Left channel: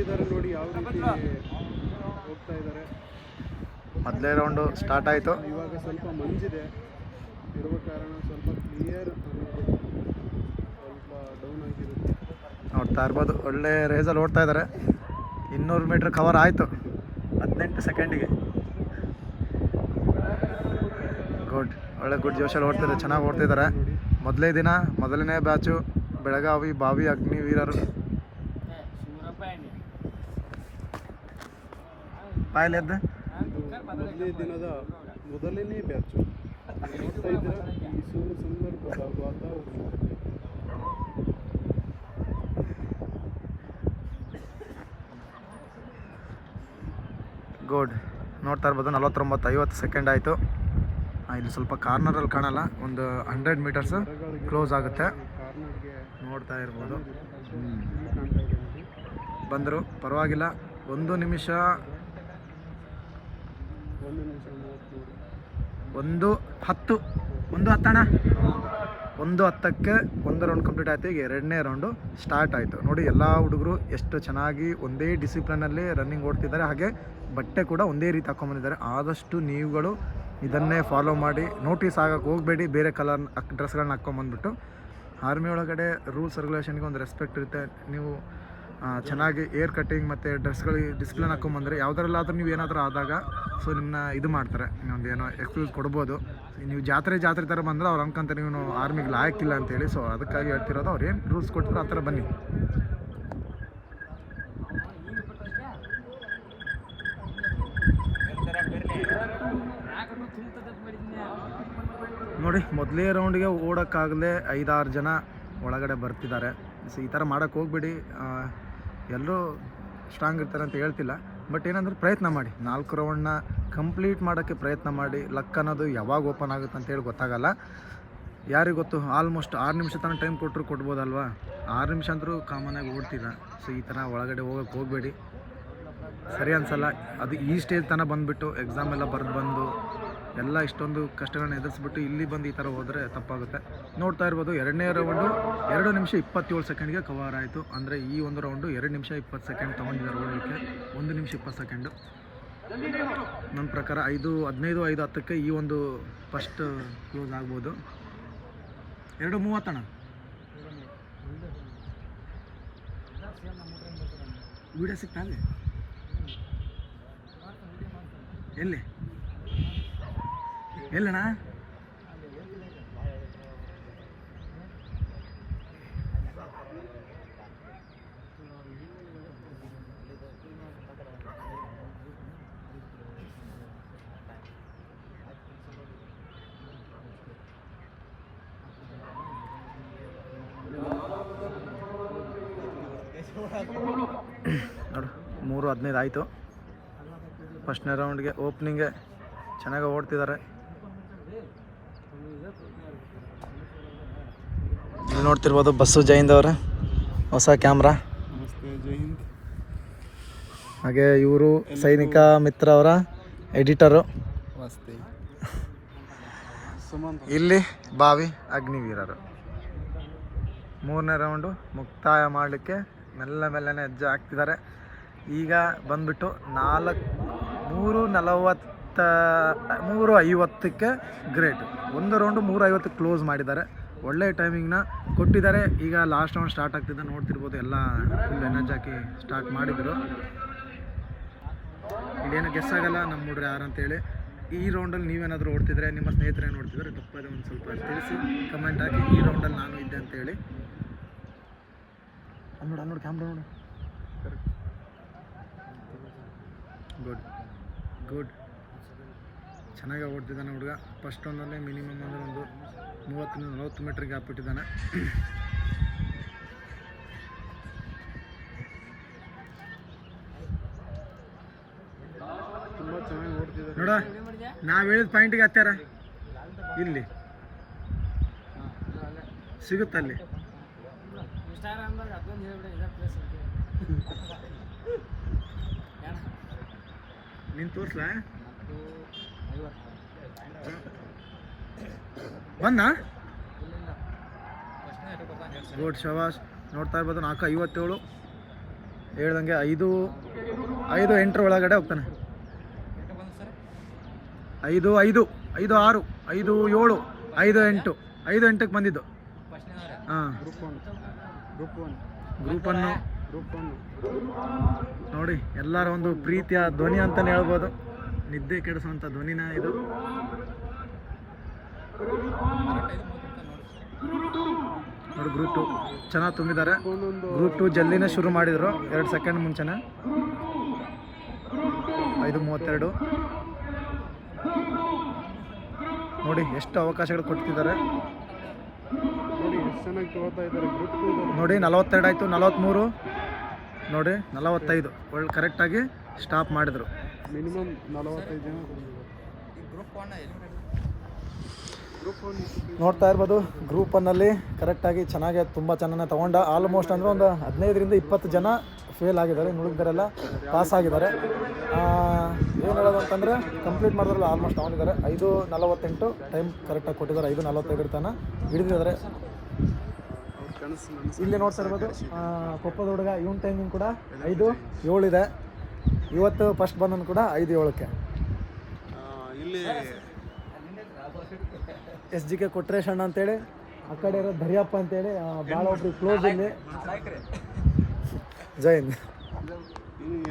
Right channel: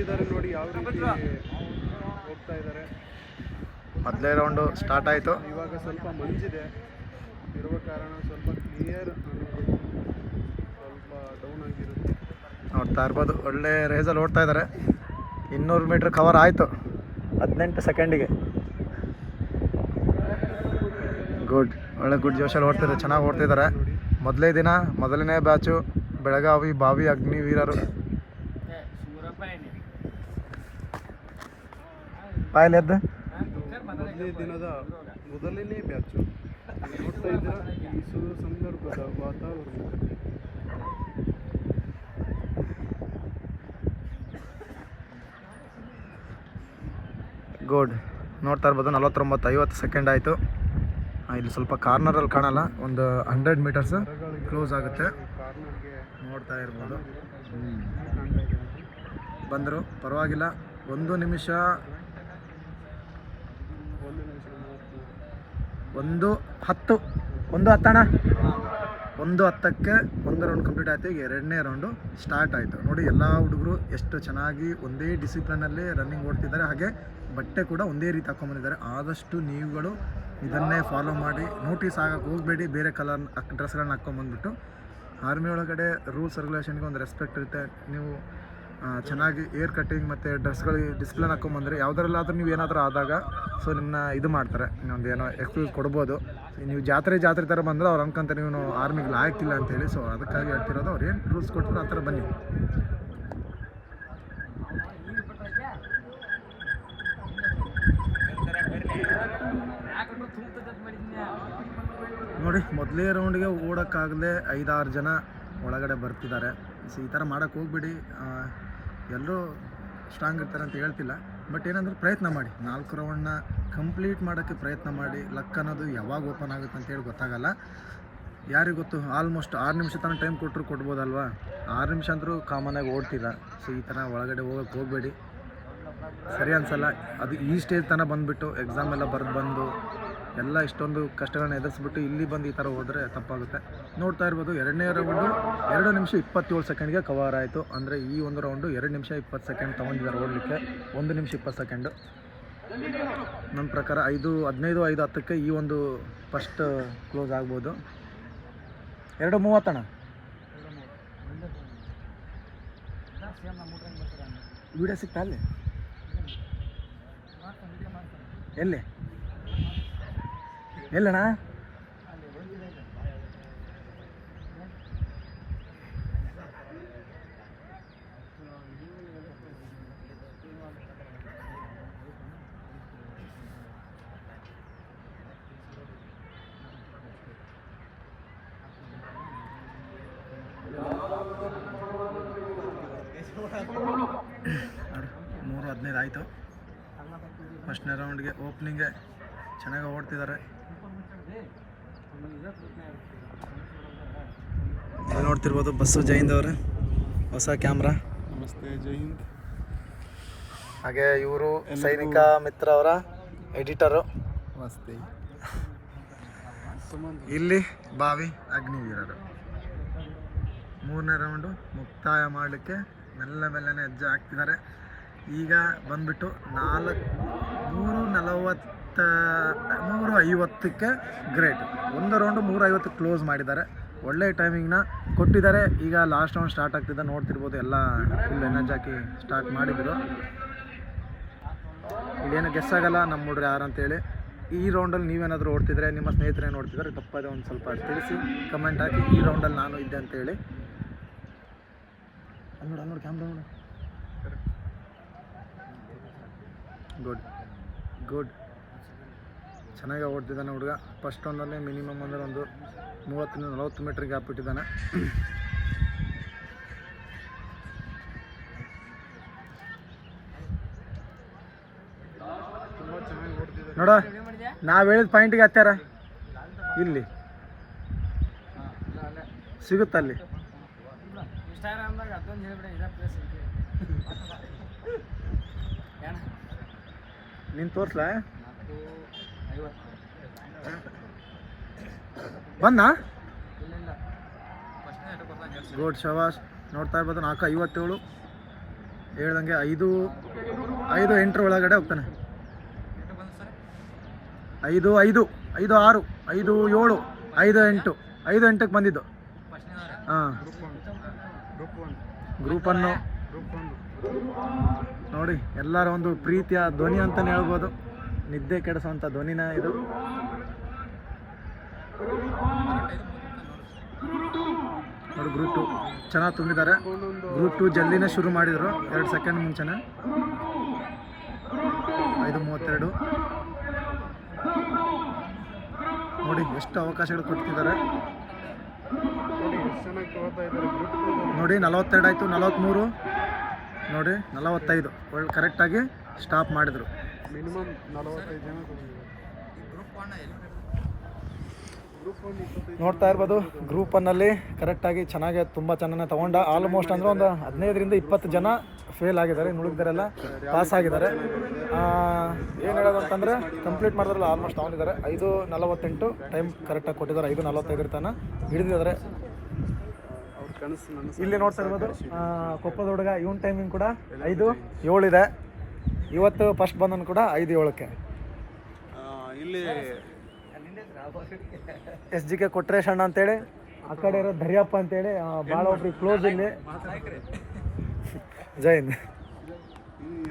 ಕೊಟ್ಟಿದ್ದಾರೆ ನೋಡಿ ಯಾವ ರೀತಿ ಹೋಗ್ತಾ ಇದ್ದಾರೆ. ಮೊದಲೇ ರೌಂಡು ಸ್ಟಾರ್ಟ್ ಆಯಿತು. ಇವಾಗ ಸ್ವಲ್ಪ ಮಂಜಿದೆ ಇರುವ ಕಾರಣ ಸ್ವಲ್ಪ ಕ್ಲಿಯರ್ ಸ್ವಲ್ಪ ಡೌನ್ ಆಗಿರುತ್ತೆ. ನೋಡ್ತಾ ಇರ್ಬೋದು, ಒಳ್ಳೆ ರೇಸಲ್ಲಿ ಓಡ್ತಾ ಇದ್ದಾರೆ. 200 ಮೀಟ್ರ್ ಕವರ್ ಆಯಿತು 18 ಸೆಕೆಂಡಿಗೆ. ಗುಡ್, ಒಳ್ಳೆ ಗುಡ್ ಜೋಶಲ್ಲಿ ಓಡ್ತಿದ್ದಾರೆ, ಚೆನ್ನಾಗಿ ಓಡ್ತಿದ್ದಾರೆ. ಮೊದಲೇ ದಿನ ಮೊದಲನೇ ಬ್ಯಾಚು ಬೆಳಗಾವಿ ಬಾವಿ ಅಗ್ನಿವೀರರು. ಪಾಯಲೆದ್ದು ಮೊದಲನೇ ದಿನದ ಮೊದಲನೇ ಬ್ಯಾಚು ನೋಡ್ತಾ ಇದ್ದೀರಾ. ಈ ಸಂದರ್ಭದ ವಾತಾವರಣ ಗುಡ್. ನೋಡ್ತಾ ಇರ್ಬೋದು 49-50 ಸೆಕೆಂಡ್ ಆಯಿತು. ಇಲ್ಲಿ ಸ್ವಲ್ಪ ಕಾರ್ನರಲ್ಲಿ ಕಾಣಲ್ಲ, ಒಂದು 100 ಮೀಟರ್ಸ್ ಕ್ಲೋಸ್ ಆಗುತ್ತೆ. ನೋಡ್ತಾ ಇರ್ಬೋದು. ಬಂದರು, ಪರವಾಗಿಲ್ಲ. 1 ನಿಮಿಷ 1:10 1:10 1:10ಕ್ಕೆ 1 ರೌಂಡ್ ಕಂಪ್ಲೀಟ್ ಆಯಿತು. ಈಗ 2ನೇ ರೌಂಡು ಸ್ಟಾರ್ಟ್ ಆಯಿತು. ನೋಡಿ ಎಲ್ಲ ಹುಡುಗರು ಎಷ್ಟು ಚೆನ್ನಾಗಿ ಒಂದೇ ಡಿಸಿಪ್ಲಿನಲ್ಲಿ ರನ್ನಿಂಗ್ ಓಡ್ತಿದ್ದಾರೆ. ಹಾಗೆ ಬಟ್ಟೆ ಕೂಡ ಒಂದೇ ರೀತಿ ಹಾಕ್ಕೊಂಬಂದಿದ್ದಾರೆ. ಆದಷ್ಟು ನೀವುಗಳು ಇದನ್ನೇ ಫಾಲೋ ಮಾಡಿ. ನೋಟಿಸ್ ಆಗಕ್ಕೆ ಹೋಗಬೇಡಿ, ಬೇರೆ ಕಲರ್ ಡ್ರೆಸ್ಗಳನ್ನ ಹಾಕ್ಕೊಂಬಂದ್ಬಿಟ್ಟು. ಆರ್ಮಿ ಒಳಗಡೆ ರೂಲ್ಸ್ ರೆಗ್ಯುಲೇಷನ್ಗೆ ಒಂದು ರೆಸ್ಪೆಕ್ಟ್ ಇರುತ್ತೆ. ನೀವು ಚೆನ್ನಾಗಿ ಏರ್ ಕಟ್ಟಿಂಗ್ ಮತ್ತು ಡ್ರೆಸ್ಗಳಿಗೆ ಡಿಸಿಪ್ಲಿನ್ ಹಾಕ್ಕೊಂಬಂದರೆ ಯಾವುದರಲ್ಲಾದ್ರೂ ನೀವು ಏನಾದರೂ ಆದಾಗ ಸೊ ನಿಮ್ಮನ್ನ ಇದು ಮಾಡ್ತಾರೆ, ಇನ್ನೊಂದು ಏನೋ ಎಕ್ಸ್ಕ್ಯೂಸ್ ಕೊಡ್ಬೋದು. ನೀವು ಜಾತ್ರೆ ಥರ ಬಂದರೆ ಅವ್ರು ಅನ್ಕೊಂತಾರೆ ನೀವು ಆರ್ಮಿಗೆ ಲಾಯಕ್ಕಿಲ್ಲ ಅಂತೇಳಿ. ಸೊ ಅದಕ್ಕಾಗಿ ಹೇಳ್ತಿರೋದು, ಅವ್ರು ಏನು ರೂಲ್ಸ್ ಕೊಟ್ಟಿರೋ ಆ ಥರ ಬನ್ನಿ. ನೋಡಿ ಮೊದಲೇ ರೌಂಡಿಗೆ ಓಡೋಕ್ಕಾಗಲೇ 5-6 ಜನ ಒಳಗಡೆ ಬರ್ತಿದ್ದಾರೆ. ಸೊ ಈ ಥರ ಮಾಡೋಕ್ಕೆ ಹೋಗ್ಬಿಡಿ. ಎಲ್ಲರೂ ಸ್ಟ್ರಾಂಗ್ ಇರ್ತಾರೆ ಅಂತ ಹೇಳ್ತಿಲ್ಲ, ಬಟ್ ಏನಂದ್ರೆ ಪ್ರಯತ್ನ ಮಾಡಿ. 4 ರೌಂಡ್ನ ಕಂಪ್ಲೀಟ್ ಮಾಡೋಕ್ಕೆ ಪ್ರಯತ್ನ ಮಾಡಿ. ಲಕ್ ಅನ್ನೋದು ಯಾವಾಗ ಓಪನ್ ಆಗುತ್ತೆ ಅಂತೇಳಿ ಗೊತ್ತಾಗಲ್ಲ, ಯಾರಿಗೆ ಗೊತ್ತು. ಆಲ್ಮೋಸ್ಟ್ 6 ನಿಮಿಷ ತನಕ ಟೈಮ್ ಕೊಟ್ಟರು ಕೊಡ್ಬೋದಲ್ವಾ. 6 ನಿಮಿಷ ಅಂದರೂ ಕಾಮನಾಗಿ ಓಡ್ತಿಲ್ಲ. ಸೊ ಈ ಥರ ಒಳಗಡೆ ಹೋಗೋಕ್ಕೆ ಹೋಗಬೇಡಿ, ಸರಿ ಅನಿಸಲ್ಲ. ಅದು ಈ ಸ್ಟೇಜ್ ತನಕ ಬಂದುಬಿಟ್ಟು ಎಕ್ಸಾಮ್ ಎಲ್ಲ ಬರೆದು ಬಂದು ಎಲ್ಲ ಇಷ್ಟೊಂದು ಕಷ್ಟಗಳನ್ನ ಎದುರಿಸ್ಬಿಟ್ಟು ಇಲ್ಲಿ ಬಂದು ಈ ಥರ ಹೋದರೆ ತಪ್ಪಾಗುತ್ತೆ. ನೋಡ್ತಾ ಇರ್ಬೋದು 2ನೇ ರೌಂಡು 2 ನಿಮಿಷ 27 ಸೆಕೆಂಡ್ಗೆ ಕವರ್ ಆಯಿತು. ಅಂದರೆ ಈ ಒಂದು ರೌಂಡು 2 ನಿಮಿಷ 20 ಸೆಕೆಂಡ್ ತೊಗೊಂಡಿದ್ದಾರೆ ಓಡಲಿಕ್ಕೆ. 1 ನಿಮಿಷ 20 ಸೆಕೆಂಡು ನನ್ನ ಪ್ರಕಾರ. 5:15 5:10ಕ್ಕೆ ಈ ಒಂದು ಫಸ್ಟ್ ಕ್ಲೋಸ್ ಆಗ್ಬೋದು. 2:30 ವಿಡಿಯೋ ಸಿಗ್ತಾ ಅಲ್ಲಿ ಎಲ್ಲಣ್ಣ? ನೋಡು 3:15 ಆಯಿತು. ಫಸ್ಟ್ನೇ ರೌಂಡ್ಗೆ ಓಪನಿಂಗ್ಗೆ ಚೆನ್ನಾಗಿ ಓಡ್ತಿದ್ದಾರೆ. ಇಲ್ಲಿ ನೋಡ್ತಿರ್ಬೋದು ಬಸ್ಸು ಜೈಂದ್ ಅವರ ಹೊಸ ಕ್ಯಾಮ್ರಾ. ನಮಸ್ತೆ, ಜೈ ಹಿಂದ್. ಹಾಗೆ ಇವರು ಸೈನಿಕ ಮಿತ್ರ ಅವರ ಎಡಿಟರು. ನಮಸ್ತೆ. ಇಲ್ಲಿ ಬಾವಿ ಅಗ್ನಿವೀರರು. 3ನೇ ರೌಂಡು ಮುಕ್ತಾಯ ಮಾಡಲಿಕ್ಕೆ ಮೆಲ್ಲನೆ ಹೆಜ್ಜೆ ಹಾಕ್ತಿದ್ದಾರೆ. ಈಗ ಬಂದ್ಬಿಟ್ಟು 3:50ಕ್ಕೆ ಗ್ರೇಟ್. 1 ರೌಂಡು 3:50 ಕ್ಲೋಸ್ ಮಾಡಿದ್ದಾರೆ. ಒಳ್ಳೆ ಟೈಮಿಂಗ್ನ ಕೊಟ್ಟಿದ್ದಾರೆ. ಈಗ ಲಾಸ್ಟ್ ರೌಂಡ್ ಸ್ಟಾರ್ಟ್ ಆಗ್ತಿದೆ. ನೋಡ್ತಿರ್ಬೋದು ಎಲ್ಲ ಫುಲ್ ಎನರ್ಜಿ ಹಾಕಿ ಸ್ಟಾರ್ಟ್ ಮಾಡಿದರು. ಇಲ್ಲೇನು ಗೆಸ್ ಆಗಲ್ಲ ನಮ್ಮ ಹುಡ್ರು ಯಾರು ಅಂತೇಳಿ. ಈ ರೌಂಡಲ್ಲಿ ನೀವೇನಾದರೂ ಓಡ್ತಿದ್ರೆ, ನಿಮ್ಮ ಸ್ನೇಹಿತರೇನು ನೋಡ್ತಿದ್ದಾರೆ ತಪ್ಪದೆ ಒಂದು ಸ್ವಲ್ಪ ತಿಳಿಸಿ ಕಮೆಂಟ್ ಹಾಕಿ. ಈ ರೌಂಡಲ್ಲಿ ನಾನು ಇದ್ದೆ ಅಂತೇಳಿ. ನೋಡಿ ಕ್ಯಾಮ್ರಾ ನೋಡು. ಗುಡ್ ಚೆನ್ನಾಗಿ ಓಡ್ತಿದ್ದಾನೆ ಹುಡುಗ. ಫಸ್ಟ್ ರೌಂಡಲ್ಲೇ ಮಿನಿಮಮ್ ಅಂದರೆ ಒಂದು 30-40 ಮೀಟ್ರ್ ಗ್ಯಾಪ್ ಇಟ್ಟಿದ್ದಾನೆ. ನೋಡ, ನಾವು ಹೇಳಿದ ಪಾಯಿಂಟಿಗೆ ಹತ್ತಾರ. ಇಲ್ಲಿ ಸಿಗುತ್ತಲ್ಲಿ. ನೀನು ತೋರಿಸ್ಲಾ? ಬಂದ ಗುಡ್ ಶವಾಸ್. ನೋಡ್ತಾ ಇರ್ಬೋದು 4:57 ಹೇಳ್ದಂಗೆ 5-8 ಒಳಗಡೆ ಹೋಗ್ತಾನೆ. 5-5, 5-6, 5-7, 5-8, 5-8ಕ್ಕೆ ಬಂದಿದ್ದು. ಹಾಂ, ಗ್ರೂಪನ್ನು ನೋಡಿ, ಎಲ್ಲರ ಒಂದು ಪ್ರೀತಿಯ ಧ್ವನಿ ಅಂತಲೇ ಹೇಳ್ಬೋದು. ನಿದ್ದೆ ಕೆಡಿಸೋಂಥ ಧ್ವನಿನ ಇದು. ನೋಡಿ, ಗ್ರೂಪ್ 2 ಚೆನ್ನಾಗಿ ತುಂಬಿದ್ದಾರೆ. ಗ್ರೂಪ್ 2 ಜಲ್ದಿನೇ ಶುರು ಮಾಡಿದರು, 2 ಸೆಕೆಂಡ್ ಮುಂಚೆನೇ. 5:32 ನೋಡಿ ಎಷ್ಟು ಅವಕಾಶಗಳು ಕೊಡ್ತಿದ್ದಾರೆ ನೋಡಿ. 42 ಆಯಿತು, 43 ನೋಡಿ, 45 ಒಳ್ಳೆ ಕರೆಕ್ಟಾಗಿ ಸ್ಟಾಪ್ ಮಾಡಿದರು. ಮಿನಿಮಮ್ 45 ಜನ ನೋಡ್ತಾ ಇರ್ಬೋದು. ಗ್ರೂಪ್ 1ನಲ್ಲಿ ಕರೆಕ್ಟಾಗಿ ಚೆನ್ನಾಗಿ ತುಂಬ ಚೆನ್ನಾಗಿ ತೊಗೊಂಡ. ಆಲ್ಮೋಸ್ಟ್ ಅಂದರೆ ಒಂದು 15-20 ಜನ ಫೇಲ್ ಆಗಿದ್ದಾರೆ, ಇನ್ನು ಉಳಿದರೆಲ್ಲ ಪಾಸ್ ಆಗಿದ್ದಾರೆ. ಏನು ಹೇಳೋದು ಅಂತಂದರೆ ಕಂಪ್ಲೀಟ್ ಮಾಡಿದ್ರಲ್ಲ ಆಲ್ಮೋಸ್ಟ್ ತೊಗೊಂಡಿದ್ದಾರೆ. 5:48 ಟೈಮ್ ಕರೆಕ್ಟಾಗಿ ಕೊಟ್ಟಿದ್ದಾರೆ. 5:45 ತನಕ ಹಿಡಿದಿದ್ದಾರೆ. ಇಲ್ಲಿ ನೋಡ್ತಾ ಇರ್ಬೋದು ಕೊಪ್ಪದ ಹುಡುಗ, ಇವನ್ ಟೈಮಿಂಗ್ ಕೂಡ 5:07 ಇದೆ. ಇವತ್ತು ಫಸ್ಟ್ ಬಂದನು ಕೂಡ 5:07ಕ್ಕೆ. SGK ಕೊಟ್ರೇಶ್ ಅಣ್ಣ ಅಂತೇಳಿ, ಆ ಕಡೆ ಇರೋ ಧರಿಯಪ್ಪ ಅಂತೇಳಿ ಭಾಳ ಒಬ್ರಿಗೆ ಕ್ಲೋಸ್ ಇಲ್ಲಿ. ಜೈ ಹಿಂದ್.